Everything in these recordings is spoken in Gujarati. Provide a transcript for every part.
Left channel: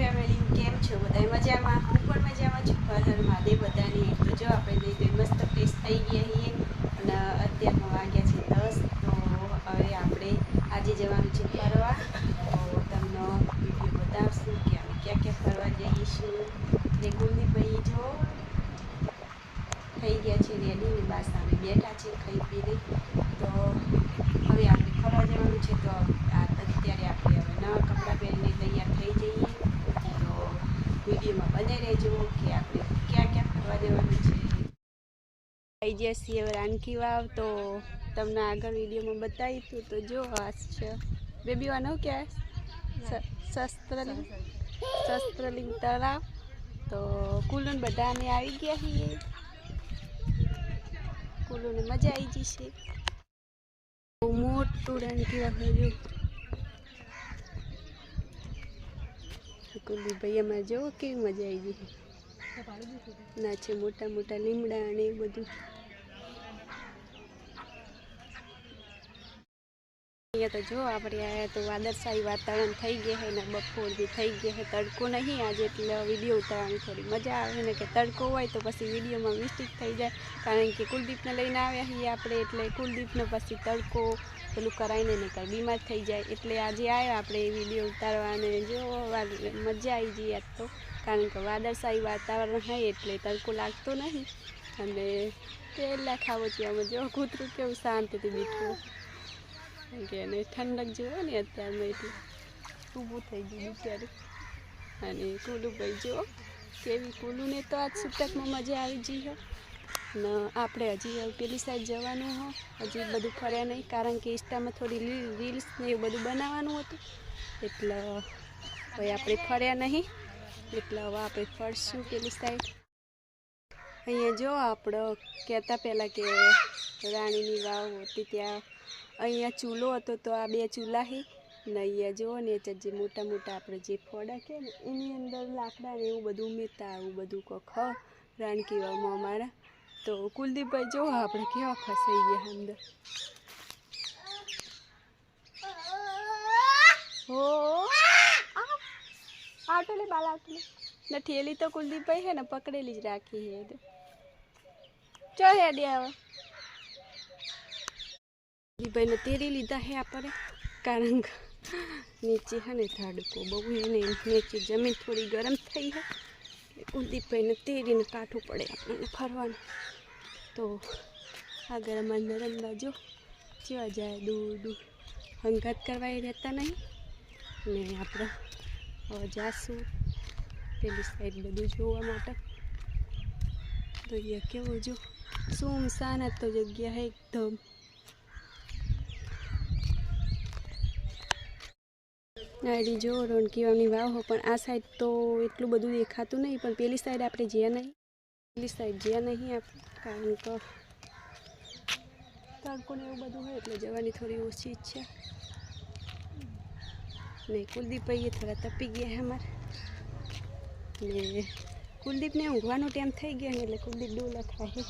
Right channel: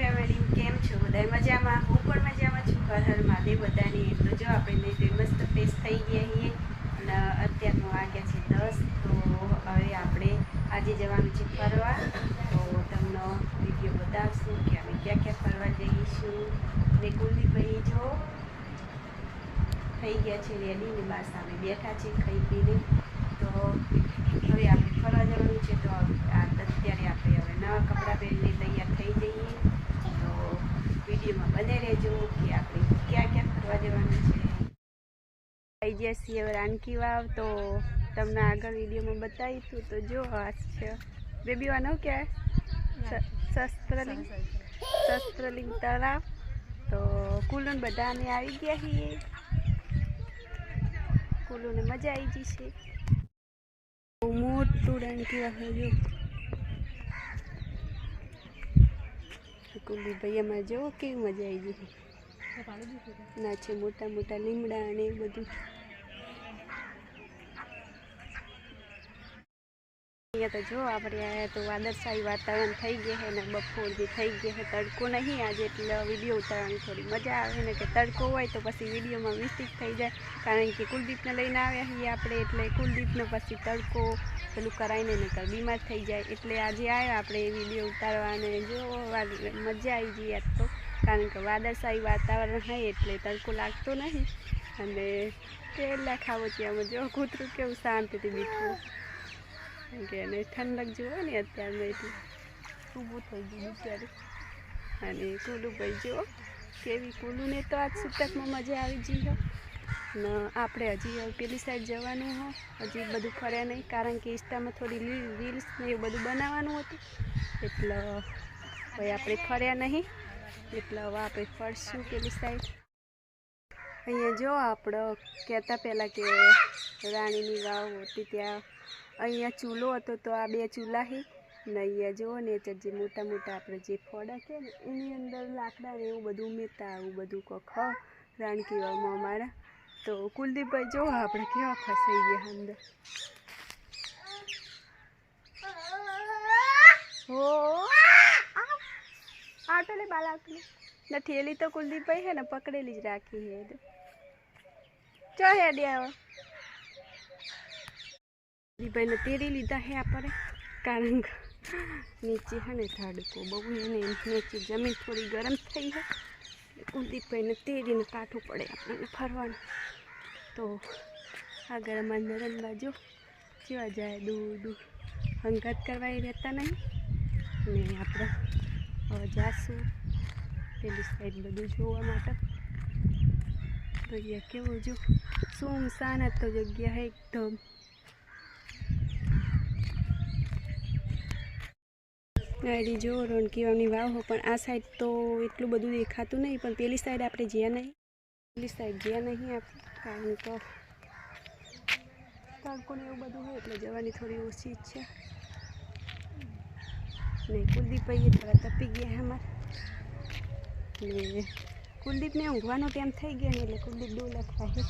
ફેમિલી કેમ છો બધા મજામાં? હું પણ મજામાં છું. હર હર મહાદેવ બધાની. તો જો આપણે તો મસ્ત ફ્રેશ થઈ ગયા છીએ અને અત્યારનો વાગ્યા છે 10. તો હવે આપણે આજે જવાનું છે ફરવા. તો તમને વિડીયો બતાવશું કે અમે ક્યાં ક્યાં ફરવા જઈશું. ને કુલદીપભાઈ જો થઈ ગયા છે રેડી ને બસ અમે બેઠા છીએ ખાઈ પીને. તો હવે આપણે ફરવા જવાનું છે. તો અત્યારે આપણે હવે નવા કપડાં પહેરીને તૈયાર થઈ જઈએ. તો વિડીયોમાં બને રહેજો કે આપણે ક્યાં ક્યાં ફરવા જવાનું છે. આવી ગયા છીએ હવે રાનકી વાવ. તો તમને આગળ વિડીયોમાં બતાવીશું. તો જો આ છે બેબી વાનો ક્યાં શસ્ત્રલિંગ તળાવ. તો કુલુન બધા અમે આવી ગયા છીએ. કુલુને મજા આવી જશે. બહુ મોટું રાનકી વાવ જો કુલદીપભાઈ અમારે જો કેવી મજા આવી જશે. ના છે મોટા મોટા લીમડા અને એવું બધું. અહીંયા તો જો આપણે આવ્યા તો વાદળછાયું વાતાવરણ થઈ ગયા છે ને બપોર બી થઈ ગયા છે. તડકો નહીં આજે એટલે વિડીયો ઉતારવાની થોડી મજા આવે ને કે તડકો હોય તો પછી વિડીયોમાં મિસ્ટેક થઈ જાય. કારણ કે કુલદીપને લઈને આવ્યા છીએ આપણે એટલે કુલદીપને પછી તડકો પેલું કરાવીને નકર બીમાર થઈ જાય. એટલે આજે આવ્યા આપણે વિડીયો ઉતારવાને જો મજા આવી જઈએ આજ તો. કારણ કે વાદળછાયું વાતાવરણ હોય એટલે તડકો લાગતો નહીં. અને કેલા ખાવો ત્યાંમાં જો કૂતરું કેવું શાંતિથી બેઠું કે એને ઠંડક જુઓ ને અત્યારમાં એટલે ઊભું થઈ ગયું બિચારું. અને કુલુભાઈ જુઓ કેવી કુલુને તો આજ સૂતકમાં મજા આવી જઈ હો. ને આપણે હજી પેલી સાઈડ જવાનું હો. હજી બધું ફર્યા નહીં કારણ કે ઇન્સ્ટામાં થોડી રીલ્સ ને એવું બધું બનાવવાનું હતું. એટલે હવે આપણે ફર્યા નહીં એટલે હવે આપણે ફરશું પેલી સાઈડ. અહીંયા જો આપણે કહેતા પહેલાં કે રાણીની વાવ હતી ત્યાં અહીંયા ચૂલો હતો. તો આ બે ચૂલા છે ને અહીંયા જુઓ ને જે મોટા મોટા આપણે જે ફોડા કે ને એની અંદર લાકડા ને એવું બધું ઉમેરતા આવું બધું કોખ રાનકી વાવમાં અમારા. તો કુલદીપભાઈ જો આપણે કેવા ફસાઈ ગયા અંદર. હો આટલે બાલ આટલે ને ઠેલી તો કુલદીપભાઈ છે ને પકડેલી જ રાખી છે. ચો હેડે આવો કુલદીપભાઈને તેરી લીધા છે આપણે કારણ કે નીચે છે ને તડકો બહુ એને નીચે જમીન થોડી ગરમ થઈ છે. કુલદીપભાઈને તેરીને કાઠું પડે આપણને ફરવાનું. તો આગળ અમારા નરન બાજુ જેવા જાય દૂર દૂર હંગાત કરવા એ રહેતા નહીં. ને આપણે હવે જાશું પેલી સાઈડ બધું જોવા માટે. તો અહીંયા કેવું જો સુમસાન તો જગ્યા છે એકદમ. ગાડી જો રાનકી વાવની વાવ હો પણ આ સાઈડ તો એટલું બધું દેખાતું નહીં. પણ પેલી સાઈડ આપણે જ્યાં નહીં પેલી સાઈડ જ્યાં નહીં આપણે કારણ કે તડકો ને એવું બધું હોય એટલે જવાની થોડી ઓછી ઈચ્છા. ને કુલદીપભાઈ થોડા તપી ગયા છે અમારે. ને કુલદીપને ઊંઘવાનો ટાઈમ થઈ ગયો ને એટલે કુલદીપ ડોલા ખાય.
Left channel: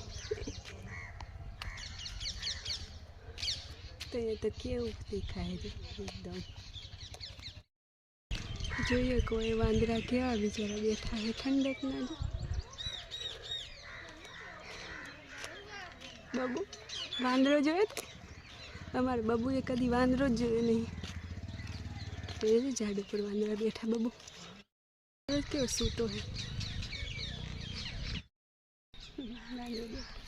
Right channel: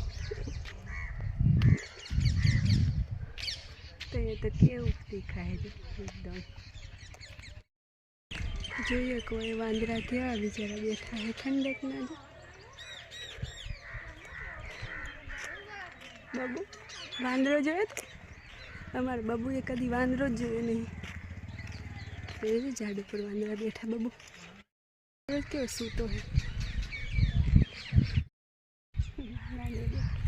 તો એ તો કેવું દેખાય છે એકદમ. જોઈએ કોઈ વાંદરા કેવા બિચારા બેઠા છે ઠંડક ના જો. બબુ વાંદરો જોયો તો અમારે બબુએ કદી વાંદરો જ જોયો નહીં. ઝાડ ઉપર વાંદરા બેઠા. બબુ કેવો સૂતો હે વાંદરો બેઠો.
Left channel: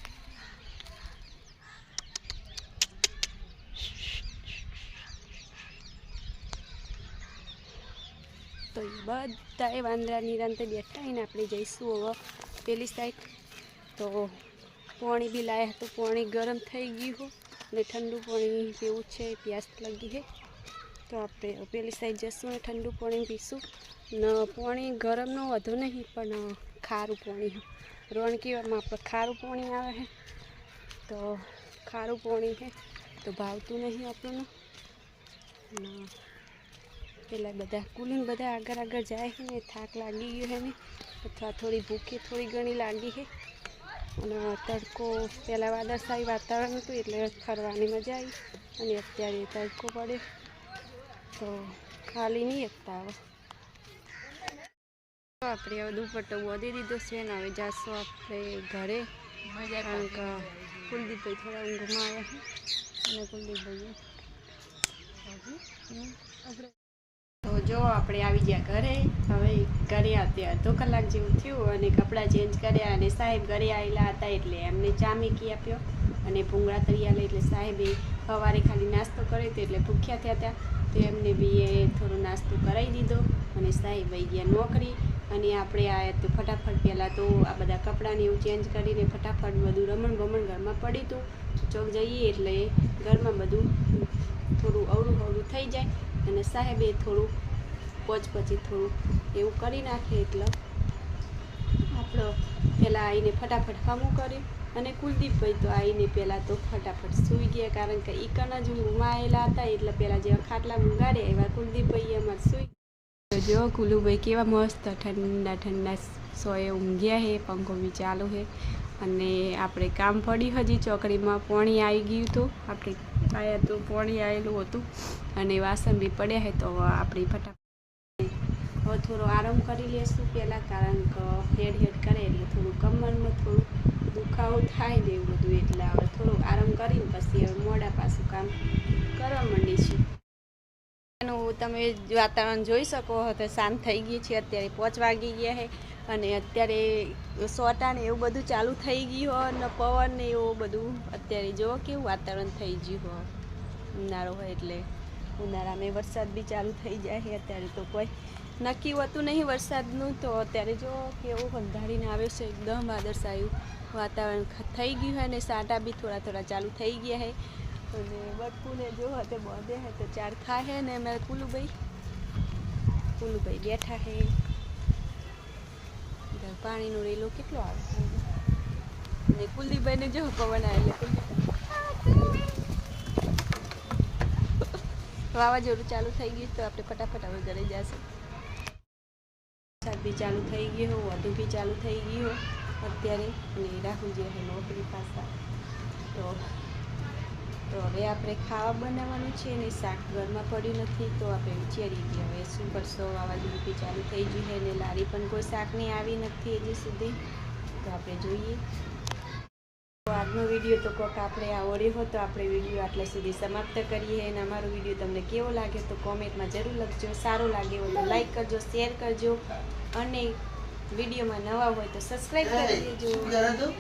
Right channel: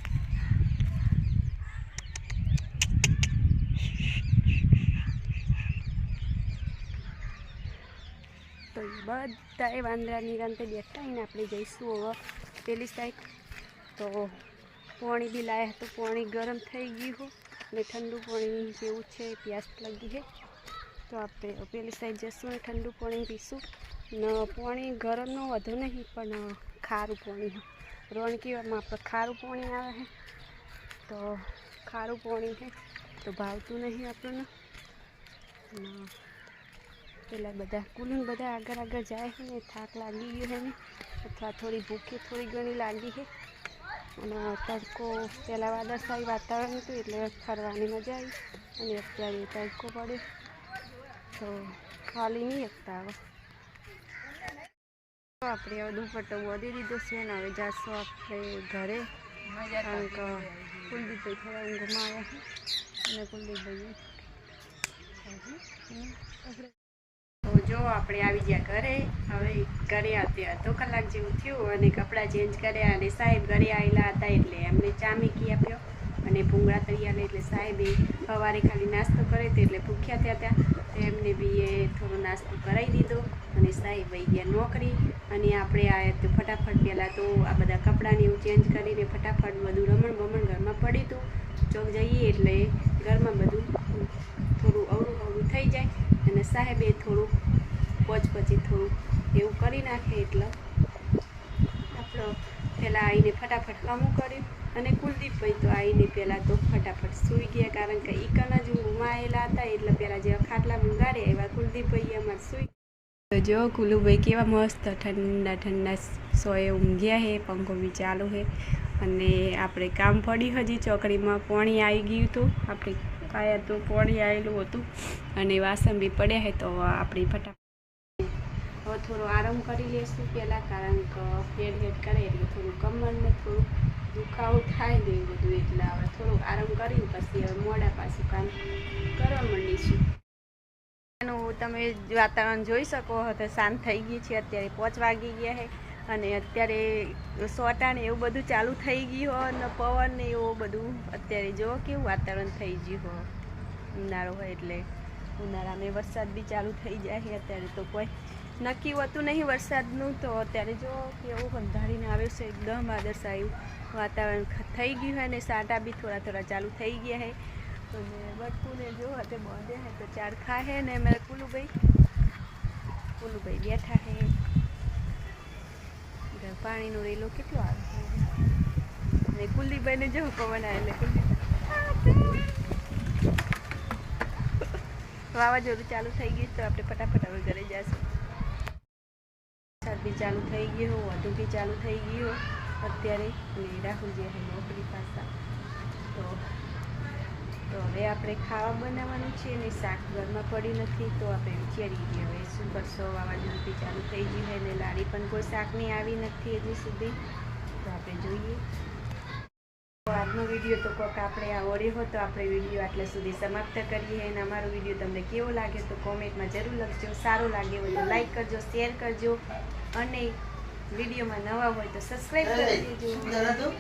તો એ બધા એ વાંદરા નિરાંતે બેઠા એને આપણે જઈશું હવે પેલી સાઈડ. તો પાણી બી લાયા તો પાણી ગરમ થઈ ગયું હો ને ઠંડુ પાણી જેવું છે પ્યાસ લાગી છે. તો આપણે પેલી સાઈડ જઈશું ને ઠંડુ પાણી પીશું. ને પાણી ગરમનો વધુ નહીં પણ ખારું પાણી રાનકી વાવમાં આપણે ખારું પાણી આવે છે. તો ખારું પાણી છે તો ભાવતું નહીં આપણને. પેલા બધા કુલીને બધા આગળ આગળ જાય છે ને થાક લાગી ગયો છે ને અથવા થોડી ભૂખી થોડી ઘણી લાગી છે. અને તડકો પહેલાં વાદળછાયું વાતાવરણ હતું એટલે ફરવાની મજા આવી. અને અત્યારે તડકો પડે તો ખાલી નહીં એકતા આવે. આપણે હવે દુપટ્ટો બોધી દીધો છે ને હવે જાશું આપણે ઘરે, કારણ કે કુલદીપભાઈ થોડા ઊંઘમાં આવ્યા છે અને કુલદીપભાઈ તો જો આપણે આવી ગયા ઘરે. હવે ઘરે આવ્યા અડધો કલાક જેવું થયું અને કપડાં ચેન્જ કર્યા અને સાહેબ ઘરે આવેલા હતા એટલે એમને ચા મૂકી આપ્યો અને ભૂંગળા તળિયા લઈ. એટલે સાહેબે સવારે ખાલી નાસ્તો કર્યો હતો એટલે ભૂખ્યા થયા હતા તો એમને બી એ થોડો નાસ્તો કરાવી દીધો અને સાહેબ વહી ગયા નોકરી. અને આપણે આવ્યા તો ફટાફટ પહેલાં તો આ બધા કપડાંને એવું ચેન્જ કરીને ફટાફટ બધું રમણ ગમણ ઘરમાં પડ્યું હતું. ચોક જઈએ એટલે ઘરમાં બધું થોડું અવળું હવળું થઈ જાય અને સાહેબે થોડું પછી થોડું એવું કરી નાખે એટલે આપણો પહેલાં આવીને ફટાફટ કામું કર્યું. અને કુલદીપભાઈ તો આવીને પહેલાં તો ફટાફટ સૂઈ ગયા, કારણ કે ઈકન જ ઊંઘમાં આવેલા હતા એટલે પહેલાં જેવા ખાટલા ઊંઘાડે એવા કુલદીપભાઈ અમારે સૂઈ. તો જો કુલુભાઈ કેવા મસ્ત ઠંડા ઠંડા સોએ ઊંઘ્યા છે, પંખો બી ચાલુ છે. અને આપણે કામ પડ્યું હજી ચોકડીમાં પાણી આવી ગયું હતું, આપણે આયા તો પાણી આવેલું હતું અને વાસણ બી પડ્યા છે. તો આપણી ફટાફટ હવે થોડો આરામ કરી લઈશું પહેલાં, કારણ કે હેડ કરે એટલે થોડું કમરમાં થોડું દુખાવો થાય ને એવું બધું, એટલે હવે થોડું આરામ કરીને પછી હવે મોડા પાછું કામ કરવા માંડીશું. તમે વાતાવરણ જોઈ શકો તો શાંત થઈ ગયું છે. અત્યારે 5 વાગી ગયા છે અને અત્યારે સોટા ને એવું બધું ચાલુ થઈ ગયું હોય અને પવન ને એવું બધું. અત્યારે જો કેવું વાતાવરણ થઈ ગયું હોય, ઉનાળો હોય એટલે ઉનાળામાં વરસાદ બી ચાલુ થઈ જાય છે. અત્યારે તો કોઈ નક્કી હોતું નહીં વરસાદનું, તો અત્યારે જો કેવું અંધારીને આવે છે, એકદમ વાદળછાયું વાતાવરણ થઈ ગયું હોય અને સાટા બી થોડા થોડા ચાલુ થઈ ગયા છે. અને બટકુને જો હતે બાંધે હે તો ચાર ખાય ને મેં કુલુભાઈ બેઠા છે. પાણીનો રેલો કેટલો આવે છે અને કુલદીપભાઈને જો પવન આવે એટલે કુલદીપ વાવાઝોડું ચાલુ થઈ ગયું. તો આપણે ફટાફટ હવે ઘરે જઈશું. વરસાદ બી ચાલુ થઈ ગયો, વધુ બી ચાલુ થઈ ગયો અત્યારે. અને રાહુલ જે છે નોકરી પાછા. તો હવે આપણે ખાવા બનાવવાનું છે ને શાક ઘરમાં પડ્યું નથી તો આપણે વિચારી ગયા હવે શું કરશો. વાવાઝોડું બી ચાલુ થઈ ગયું છે ને લારી પણ કોઈ શાકની આવી નથી હજી સુધી, તો આપણે જોઈએ. તો આજનો વિડીયો તો કોઈક આપણે આવડ્યો હોય તો આપણે વિડીયો આટલા સુધી સમાપ્ત કરીએ. અને અમારો વિડીયો તમને કેવો લાગે તો કોમેન્ટમાં જરૂર લખજો. સારો લાગે હોય તો લાઈક કરજો, શેર કરજો અને વિડીયોમાં નવા હોય તો સબસ્ક્રાઈબ કરી દેજો.